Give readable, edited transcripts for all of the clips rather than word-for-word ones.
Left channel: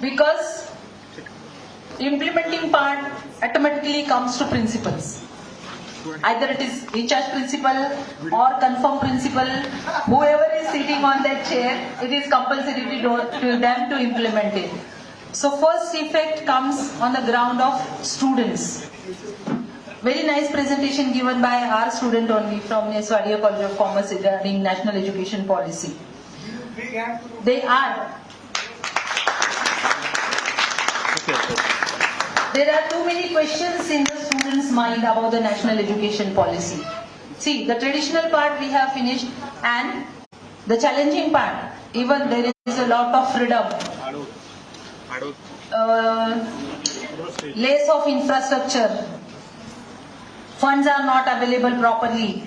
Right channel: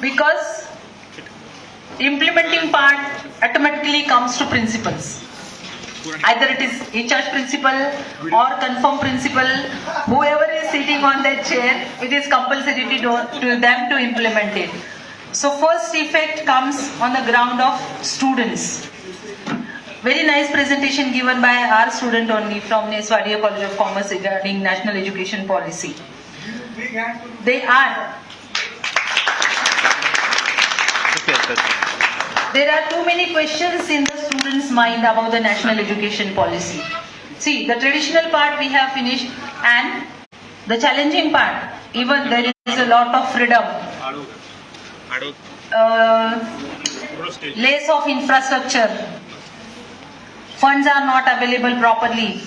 Because implementing part automatically comes to principals. Either it is HR principal or confirm principal, whoever is sitting on that chair, it is compulsory to them to implement it. So first effect comes on the ground of students. Very nice presentation given by our student only from Neswadia College of Commerce regarding National Education Policy. There are too many questions in the students' mind about the National Education Policy. See, the traditional part we have finished, and the challenging part, even there is a lot of freedom. Less of infrastructure. Funds are not available properly.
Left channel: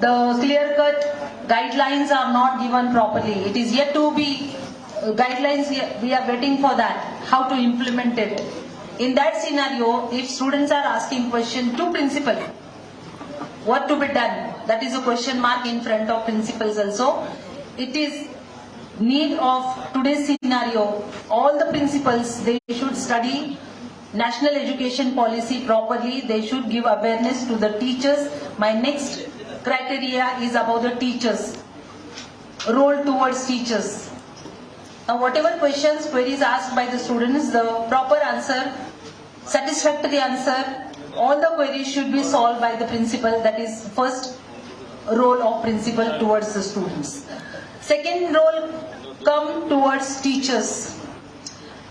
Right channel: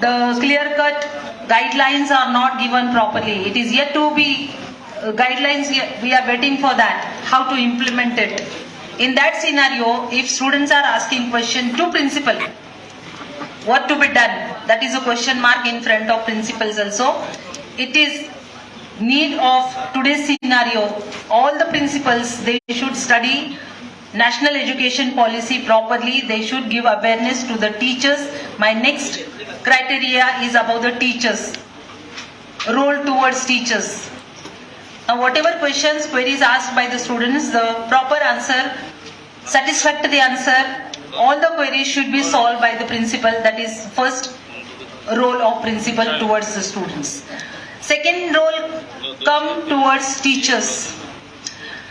The clear-cut guidelines are not given properly. It is yet to be guidelines, we are waiting for that, how to implement it. In that scenario, if students are asking question to principal, what to be done? That is a question mark in front of principals also. It is need of today's scenario, all the principals, they should study National Education Policy properly. They should give awareness to the teachers. My next criteria is about the teachers, role towards teachers. Now whatever questions, queries asked by the students, the proper answer, satisfactory answer, all the queries should be solved by the principal. That is first role of principal towards the students. Second role come towards teachers.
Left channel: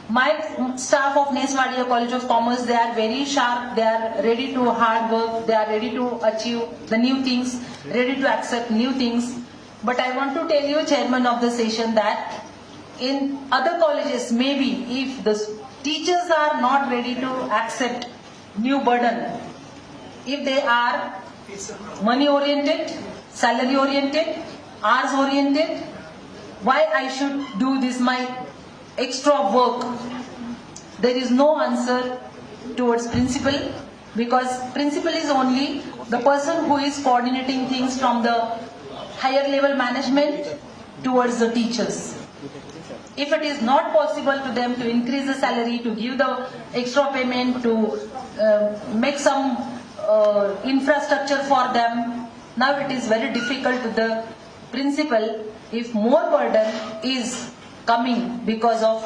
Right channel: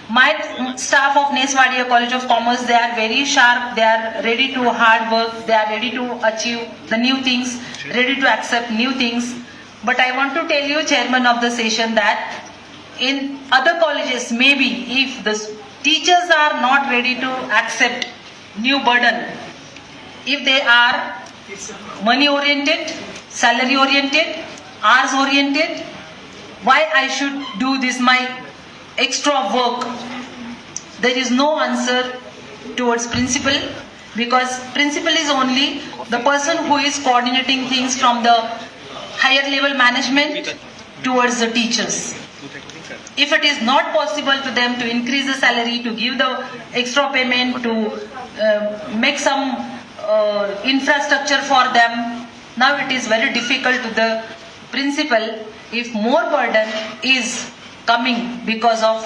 My staff of Neswadia College of Commerce, they are very sharp, they are ready to hard work, they are ready to achieve the new things, ready to accept new things. But I want to tell you, Chairman of the session, that in other colleges, maybe if the teachers are not ready to accept new burden, if they are money oriented, salary oriented, hours oriented, why I should do this my extra work? There is no answer towards principal, because principal is only the person who is coordinating things from the higher level management towards the teachers. If it is not possible to them to increase the salary, to give the extra payment, to make some infrastructure for them, now it is very difficult to the principal if more burden is coming because of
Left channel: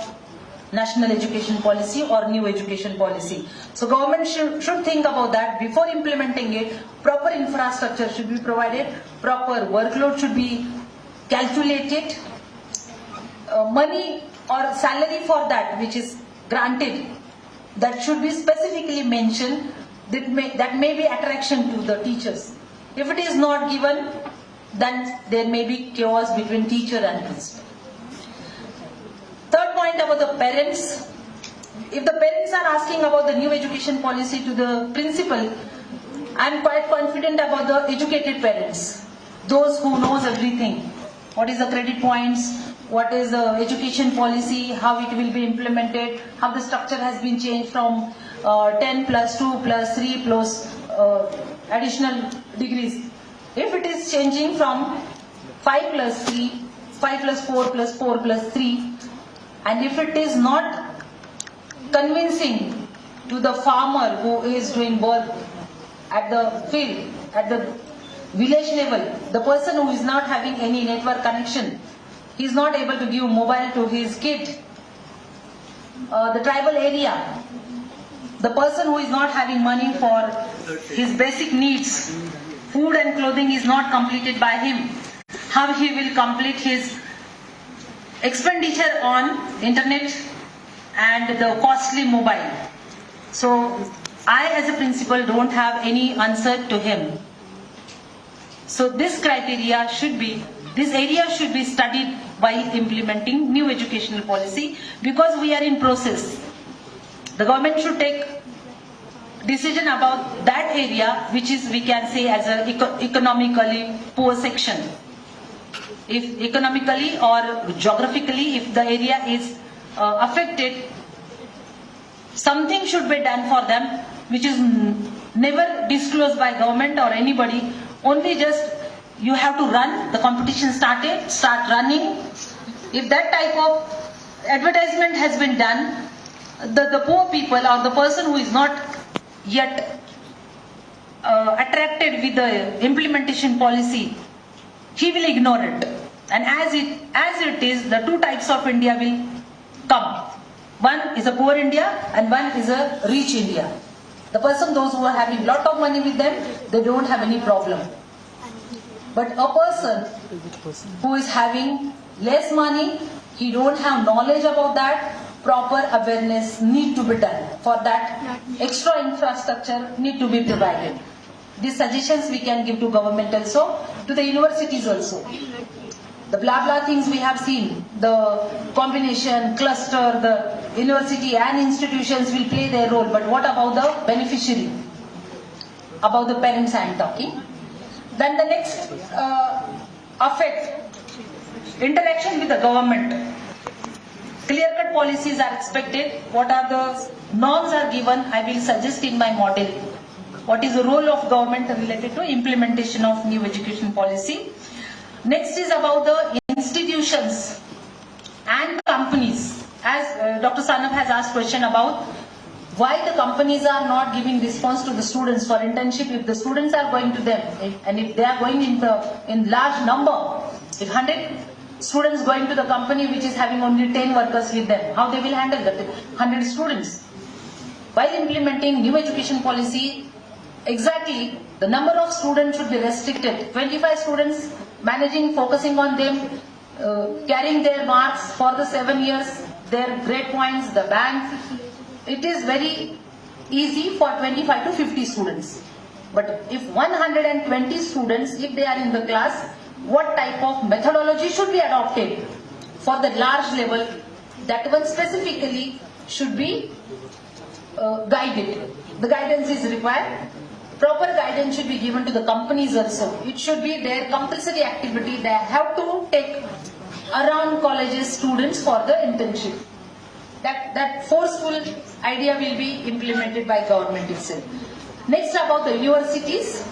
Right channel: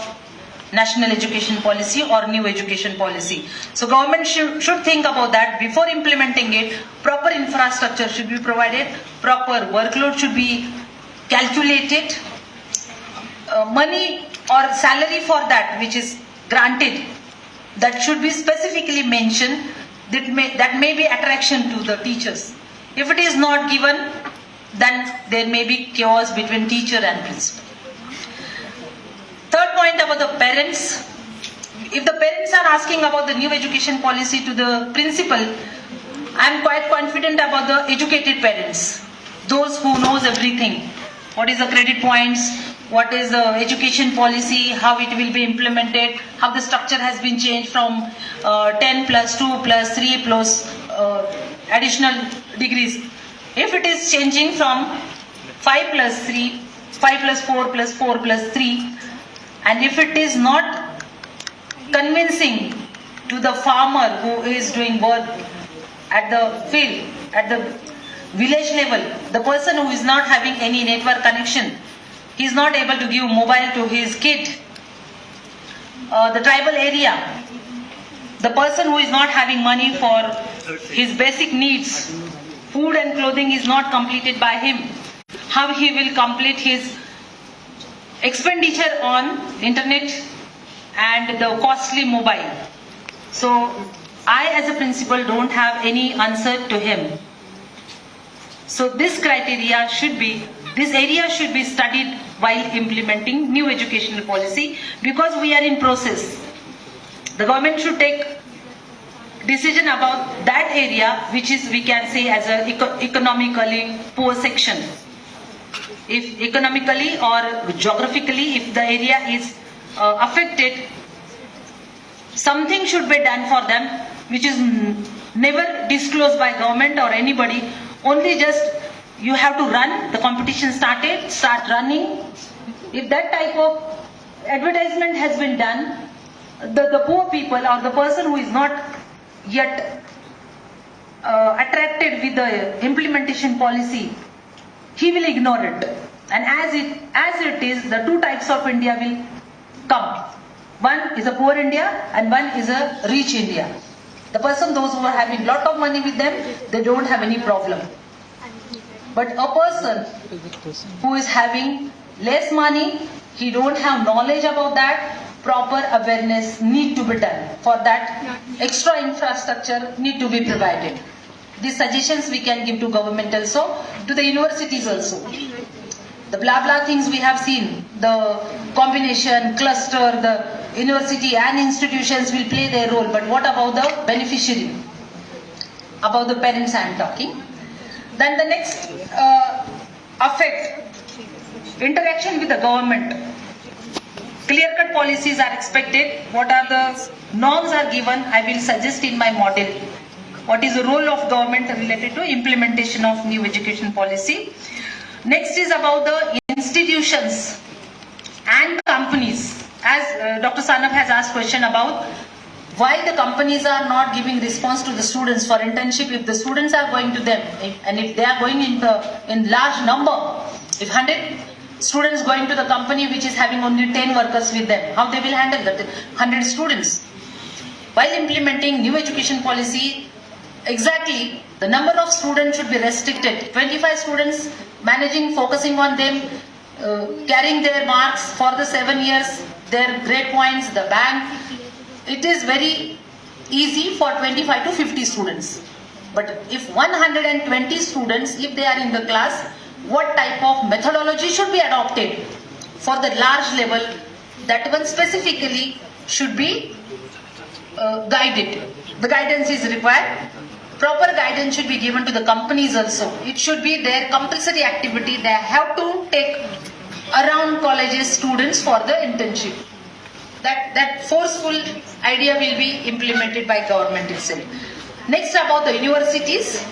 National Education Policy or new education policy. So government should think about that before implementing it. Proper infrastructure should be provided, proper workload should be calculated, money or salary for that which is granted, that should be specifically mentioned, that may be attraction to the teachers. If it is not given, then there may be chaos between teacher and principal. Third point about the parents. If the parents are asking about the new education policy to the principal, I am quite confident about the educated parents, those who knows everything. What is the credit points, what is the education policy, how it will be implemented, how the structure has been changed from 10 plus 2 plus 3 plus additional degrees. If it is changing from 5 plus 3, 5 plus 4 plus 4 plus 3, and if it is not convincing to the farmer who is doing work at the field, at the village level, the person who is not having any network connection, he is not able to give mobile to his kid, the tribal area, the person who is not having money for his basic needs, food and clothing is not completed by him, how he will complete his expenditure on internet and the costly mobile. So I as a principal don't have any answer to him. So this criteria should be, this area should be studied while implementing new educational policy, because we are in process. The government should take decision about that area which is, we can say, as a economically poor section. If economically or geographically, if the area is affected, something should be done for them, which is never disclosed by government or anybody. Only just you have to run, the competition start running, If that type of advertisement has been done, the poor people or the person who is not yet attracted with the implementation policy, he will ignore it. And as it is, the two types of India will come. One is a poor India and one is a rich India. The person, those who are having lot of money with them, they don't have any problem. But a person who is having less money, he don't have knowledge about that, proper awareness need to be done. For that, extra infrastructure need to be provided. These suggestions we can give to government also, to the universities also. The blah blah things we have seen, the combination, cluster, the university and institutions will play their role, but what about the beneficiary? About the parents I am talking. Then the next affect interaction with the government. Clear-cut policies are expected. What are the norms are given? I will suggest in my model. What is the role of government related to implementation of new education policy? Next is about the institutions and companies. As Dr. Sanab has asked question about why the companies are not giving response to the students for internship. If the students are going to them, and if they are going in large number, if 100 students going to the company which is having only 10 workers with them, how they will handle that 100 students? While implementing new education policy, exactly the number of students should be restricted. 25 students managing, focusing on them, carrying their marks for the 7 years, their grade points, the bank. It is very easy for 25 to 50 students. But if 120 students, if they are in the class, what type of methodology should be adopted for the large level? That one specifically should be guided. The guidance is required. Proper guidance should be given to the companies also. It should be their compulsory activity. They have to take around colleges students for the internship. That forceful idea will be implemented by government itself. Next, about the universities.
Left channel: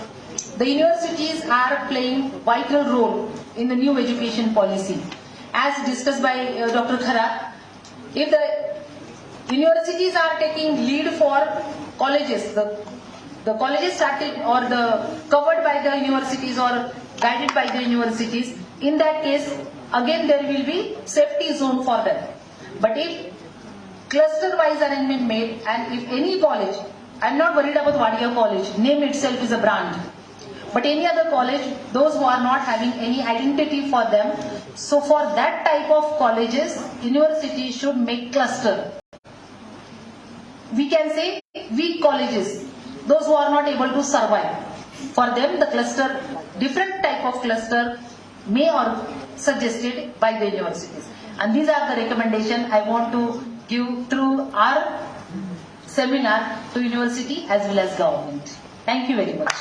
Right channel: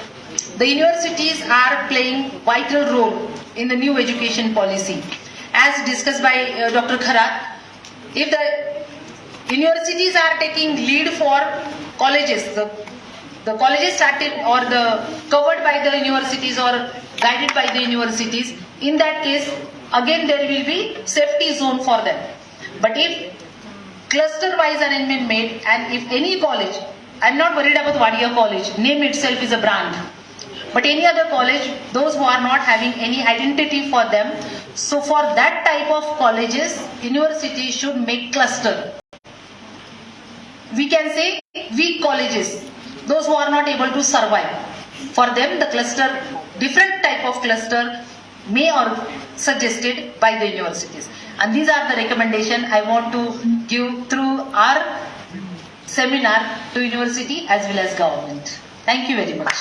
The universities are playing vital role in the new education policy. As discussed by Dr. Khara, if the universities are taking lead for colleges, the colleges started or covered by the universities or guided by the universities, in that case, again there will be safety zone for them. But if cluster-wise arrangement made, and if any college, I am not worried about Wadia College, name itself is a brand. But any other college, those who are not having any identity for them, so for that type of colleges, universities should make cluster. We can say weak colleges, those who are not able to survive. For them, the cluster, different type of cluster may or suggested by the universities. And these are the recommendations I want to give through our seminar to university as well as government. Thank you very much.